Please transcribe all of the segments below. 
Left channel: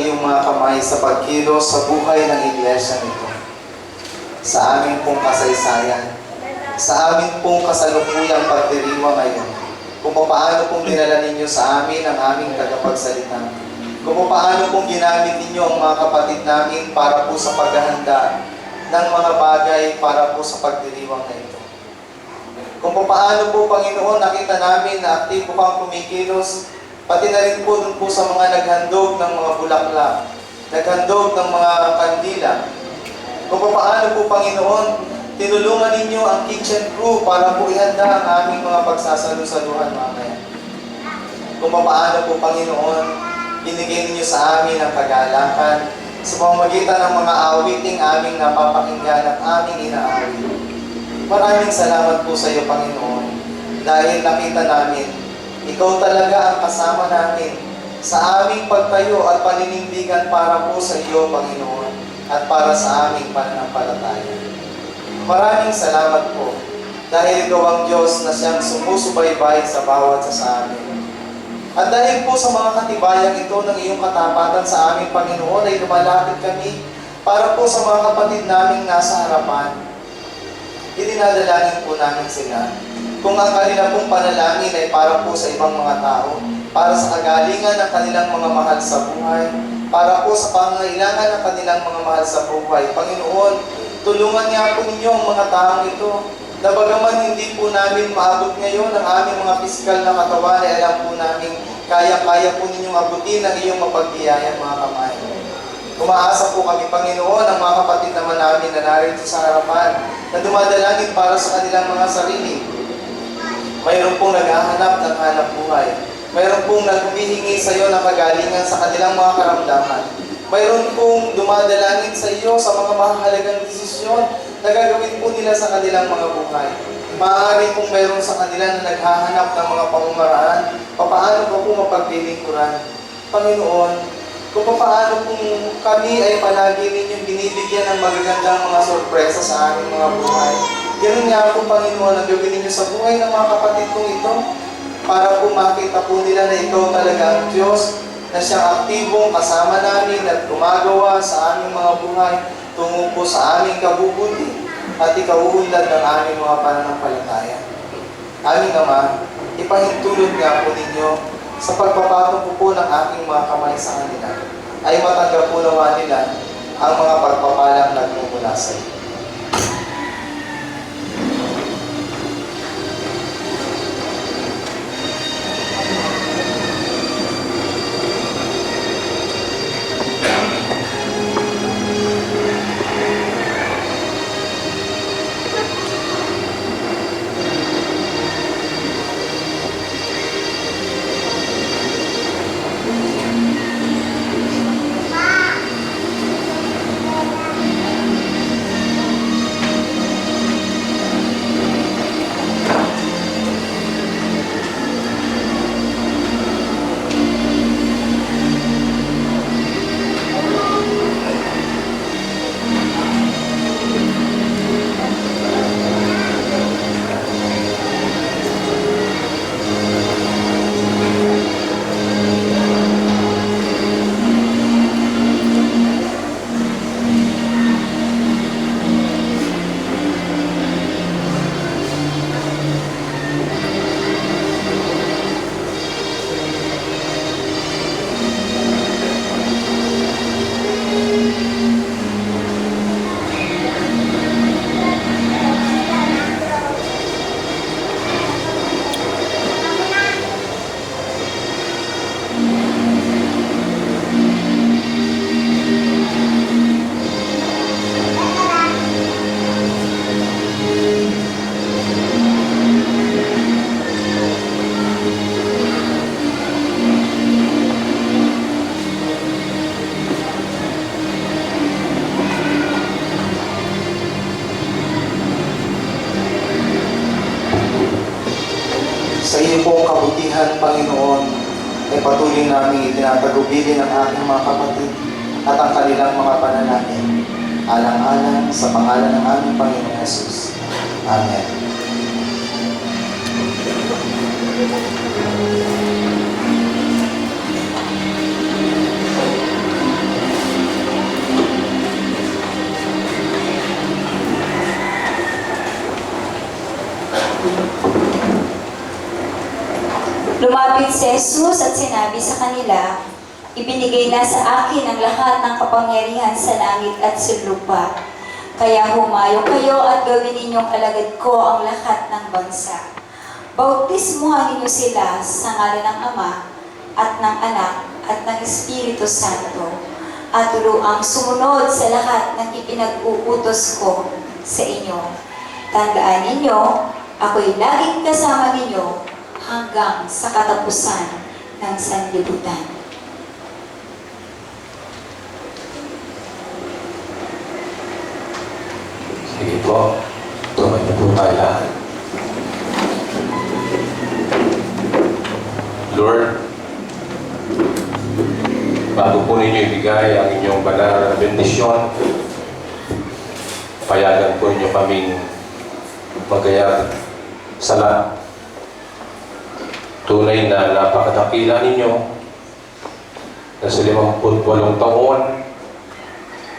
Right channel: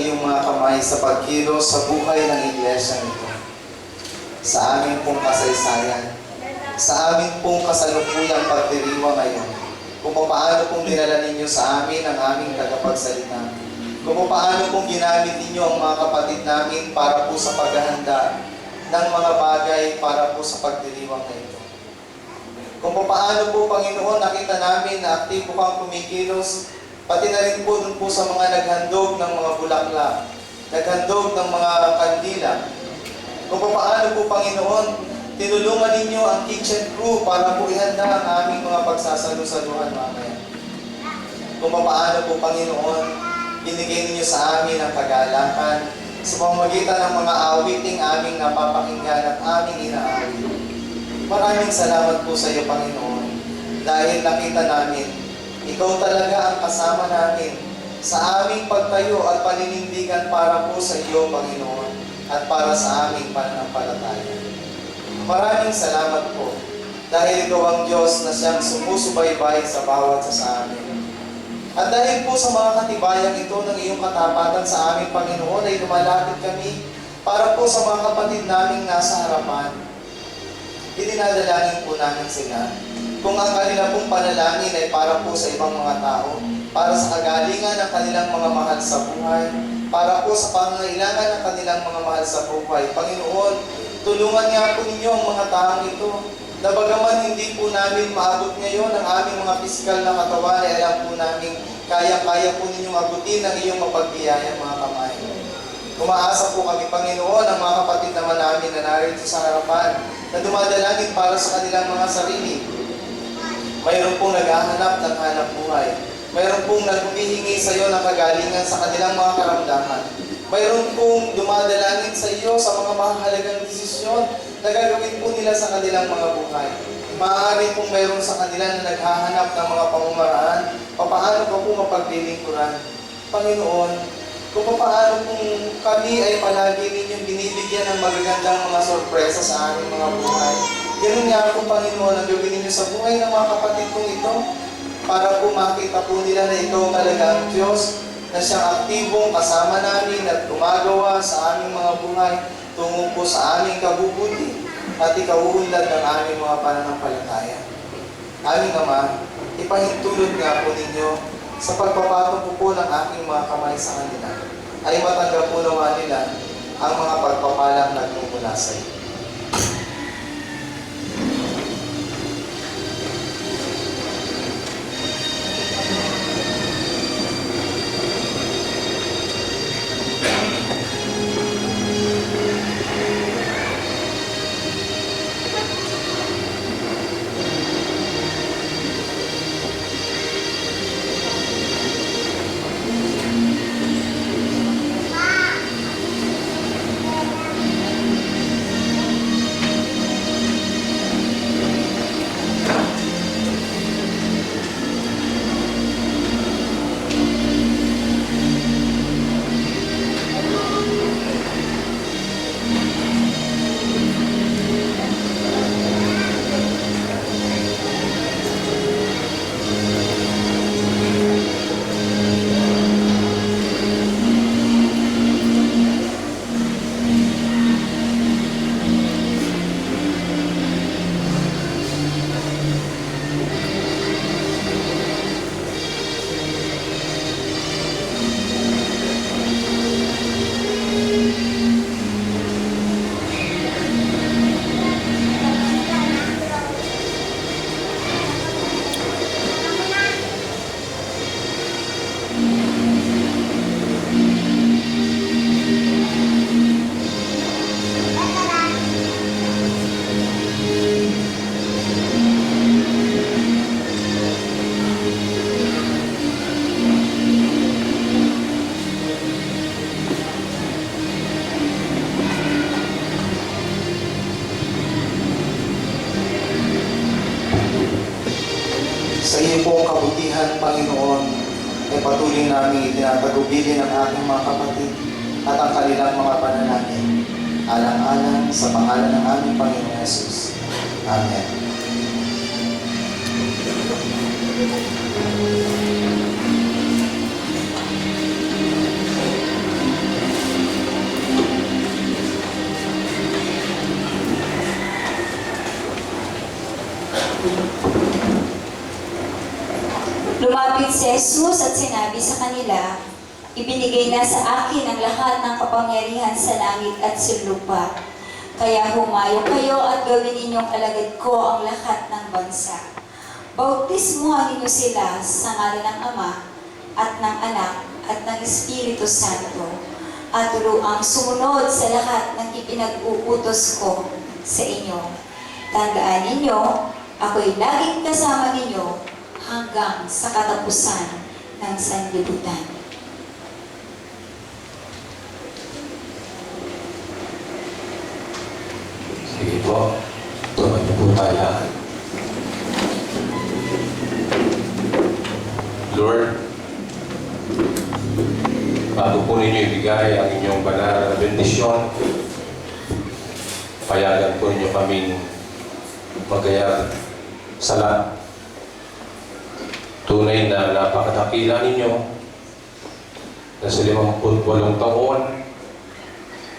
iyong mga kamay sa pagkilos sa buhay ng iglesia nito. Sa amin pong kasaysayan, sa amin pong kasalukuyang pagdiriwang ngayon, kung paano pong dinala ninyo sa amin ang aming tagapagsalita, kung paano pong ginamit ninyo ang mga kapatid namin para po sa paghahanda ng mga bagay para po sa pagdiriwang na ito. Kung paano po, Panginoon, nakita namin na aktibo kang kumikilos, pati na rin po dun po sa mga naghandog ng mga bulaklak, naghandog ng mga kandila. Kung paano po, Panginoon, tinulungan ninyo ang kitchen crew para po ihanda ang aming mga pagsasalu-saluhan mamaya. Kung paano po, Panginoon, binigay ninyo sa amin ang kagalakan sa pamamagitan ng mga awiting aming napapakinggan at aming inaawit. Maraming salamat po sa iyo, Panginoon, dahil nakita namin, ikaw talaga ang kasama namin sa aming pagtayo at paninindigan para po sa iyo, Panginoon, at para sa aming pananampalataya. Maraming salamat po, dahil ikaw ang Diyos na siyang sumusubaybay sa bawat sa amin. At dahil po sa mga katibayang ito ng iyong katapatan sa aming Panginoon, ay lumalapit kami para po sa mga kapatid naming nasa harapan. Idinadalangin po namin sila. Kung ang kanila pong panalangin ay para po sa ibang mga tao, para sa kagalingan ng kanilang mga mahal sa buhay, para po sa pangangailangan ng kanilang mga mahal sa buhay, Panginoon, tulungan niya po ninyo ang mga taong ito, na bagaman hindi po namin maabot ngayon ang aming mga pisikal na katawan, ay alam po namin, kaya-kaya po ninyong abutin ang iyong mapagbiyaya, mga kamay. Umaasa po kami, Panginoon, ang mga kapatid naman namin na narito sa harapan, na dumadalangin para sa kanilang mga sarili. Mayroon pong naghahanap ng hanap buhay. Mayroon pong naghumihingi sa iyo ng kagalingan sa kanilang mga karamdaman. Mayroon pong dumadalangin sa iyo sa mga mahalagang desisyon na gagawin po nila sa kanilang mga buhay. Maaari pong mayroon sa kanila na naghahanap ng mga pamumaraan, paano pa po mapaglilingkuran. Panginoon, kung paano kung kami ay palagi ninyong binibigyan ng magagandang mga sorpresa sa aming mga buhay. Ganun nga po, Panginoon, ang gawin ninyo sa buhay ng mga kapatid kong ito para po makita po nila na ikaw talaga ang Diyos na siyang aktibong kasama namin at gumagawa sa aming mga buhay tungo po sa aming kabubuti at ikauunlad ng aming mga pananampalataya. Aming Ama, ipahintulot nga po ninyo sa pagpapatong po ng aking mga kamay sa kanila, ay matanggap po naman nila ang mga pagpapalang nagmumula sa iyo. Sa iyo pong kabutihan, Panginoon, ay patuloy namin itinatagubilin ang aking mga kapatid at ang kanilang mga panalangin. Alang-alang sa pangalan ng aming Panginoong Hesus. Amen. si Jesus at sinabi sa kanila, ibinigay na sa akin ang lahat ng kapangyarihan sa langit at sa lupa. Kaya humayo kayo at gawin ninyong alagad ko ang lahat ng bansa. Bautismuhan ninyo sila sa ngalan ng Ama at ng Anak at ng Espiritu Santo, at turuang sumunod sa lahat ng ipinag-uutos ko sa inyo. Tandaan ninyo, ako'y laging kasama ninyo hanggang sa katapusan ng sanlibutan. Sige po, tumayo po tayo lahat. Lord, bago po ninyo ibigay ang inyong banal na bendisyon, payagan po ninyo kaming magayag sa lahat. Tunay na napakadakila ninyo na sa 58 taon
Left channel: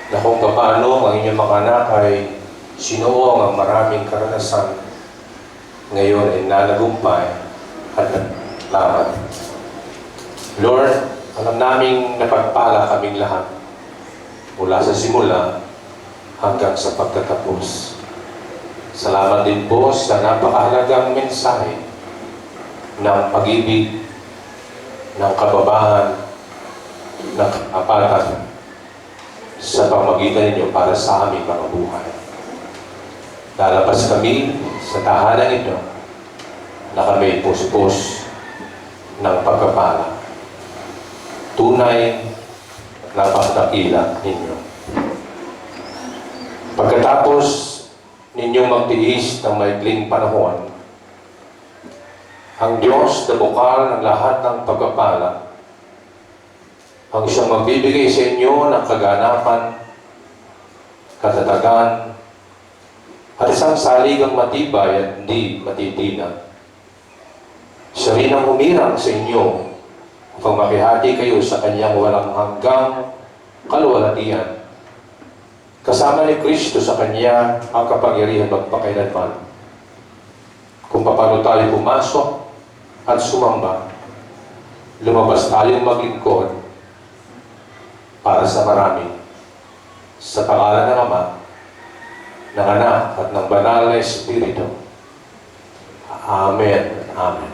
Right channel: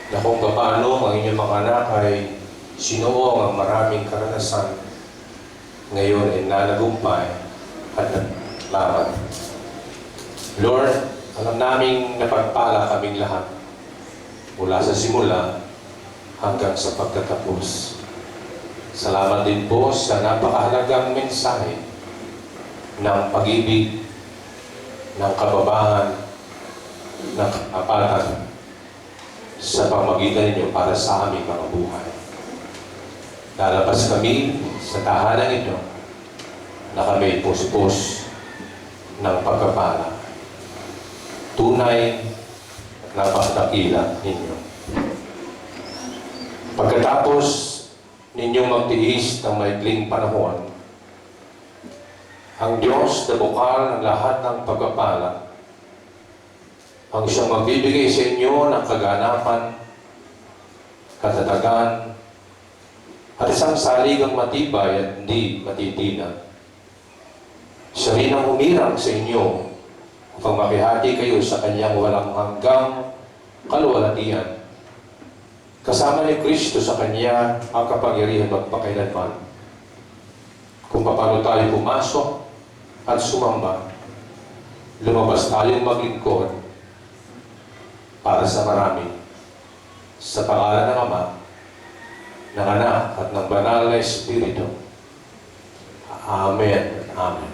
na kung paano ang inyong mga anak ay sinuong ang maraming karanasan, ngayon ay nanagumpay at nalaman. Lord, alam naming napagpala kaming lahat mula sa simula hanggang sa pagtatapos. Salamat din po sa napakahalagang mensahe ng pag-ibig, ng kababahan, ng kapatan sa pamagitan ninyo para sa aming mga buhay. Lalabas kami sa tahanan ito na kami puspos ng pagkapala. Tunay na napakadakila ninyo. Pagkatapos ninyong magtiis ng maikling panahon, ang Diyos na bukal ng lahat ng pagpapala, ang siyang magbibigay sa inyo ng kaganapan, katatagan, at isang saligang matibay at hindi matitinag. Siya rin ang humirang sa inyo upang makihati kayo sa kanyang walang hanggang kaluwalhatian. Kasama ni Kristo sa kanya ang kapangyarihan magpakailanman. Kung paano tayo pumasok at sumamba, lumabas tayong maglingkod para sa marami. Sa pangalan ng Ama, ng Anak at ng Banal na Espiritu. Amen. Amen.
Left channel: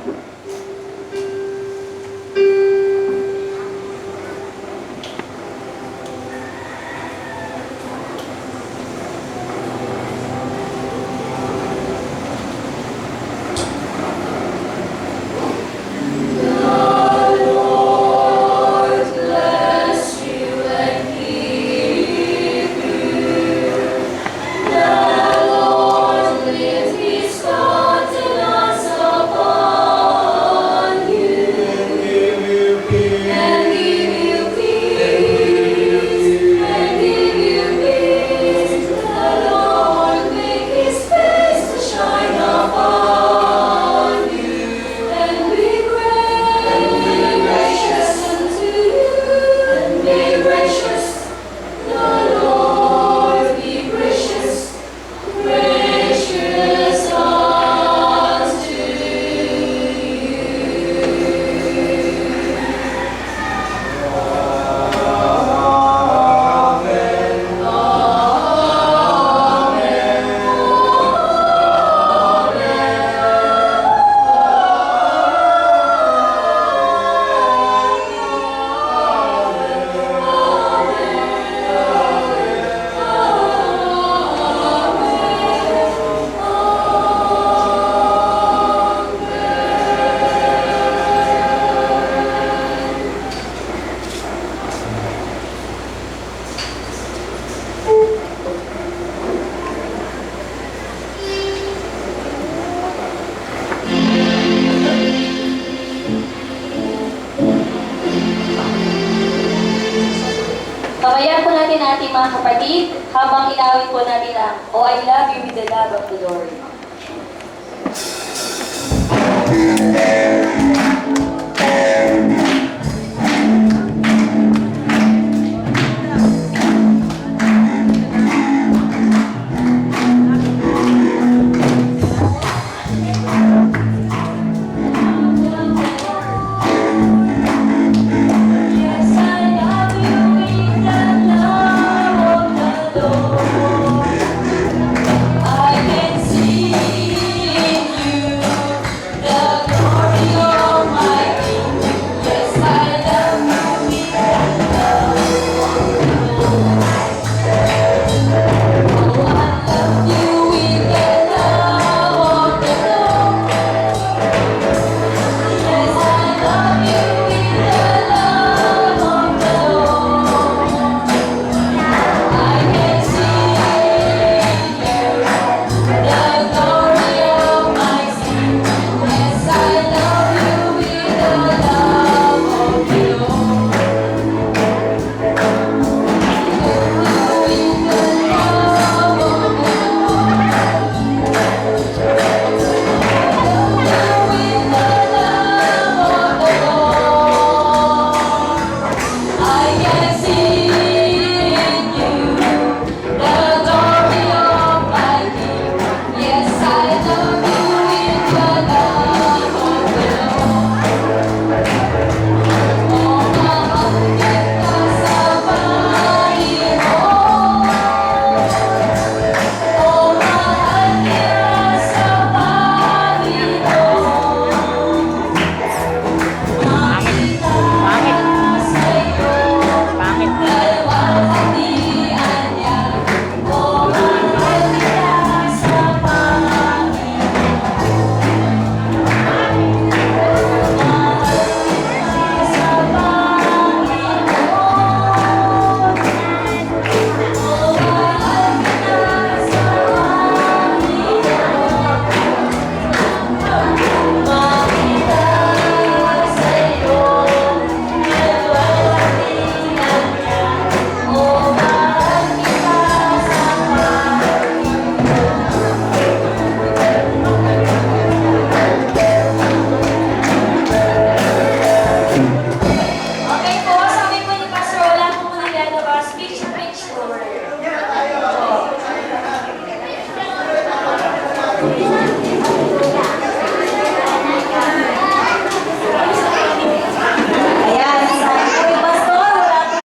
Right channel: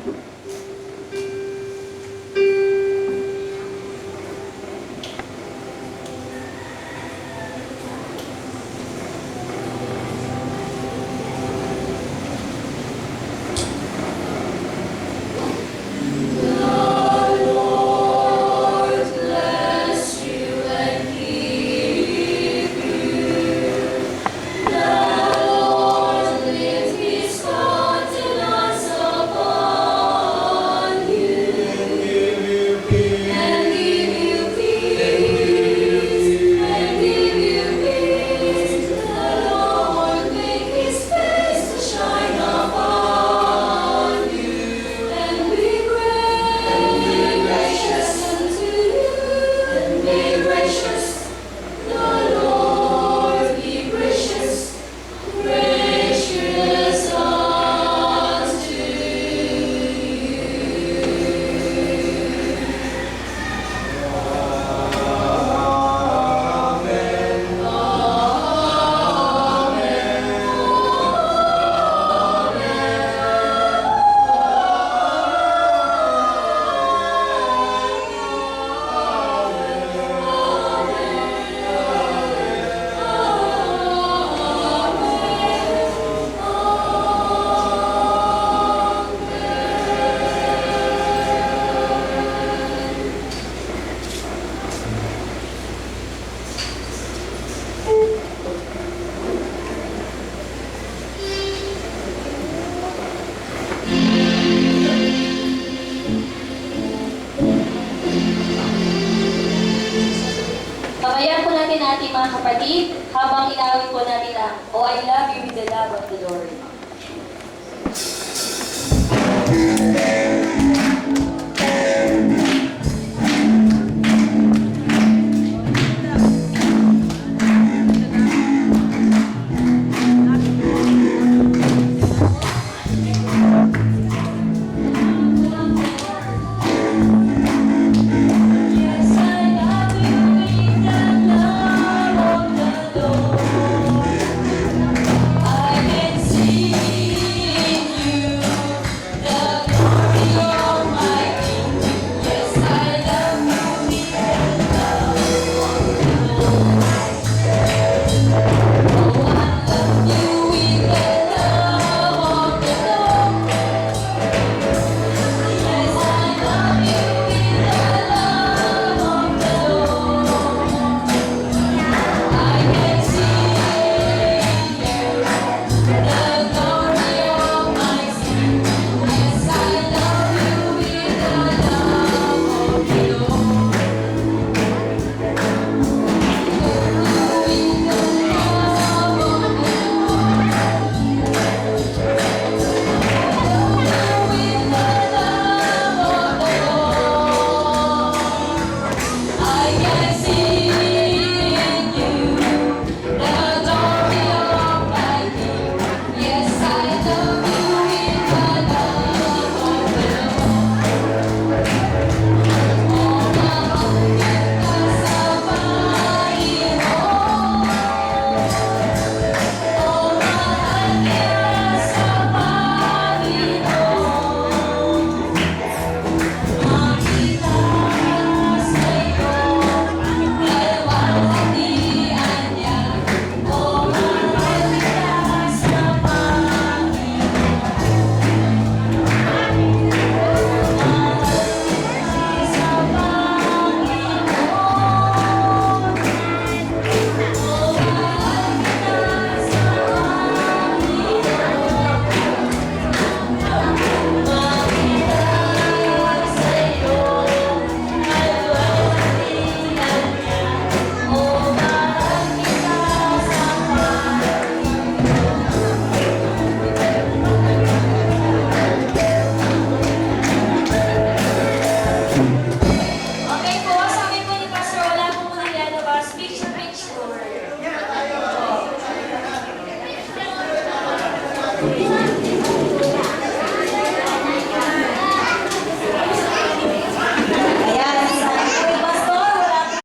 Kamayan po natin ating mga kapatid habang inawit po natin ang Oh, I Love You with the Love of the Lord. Amen.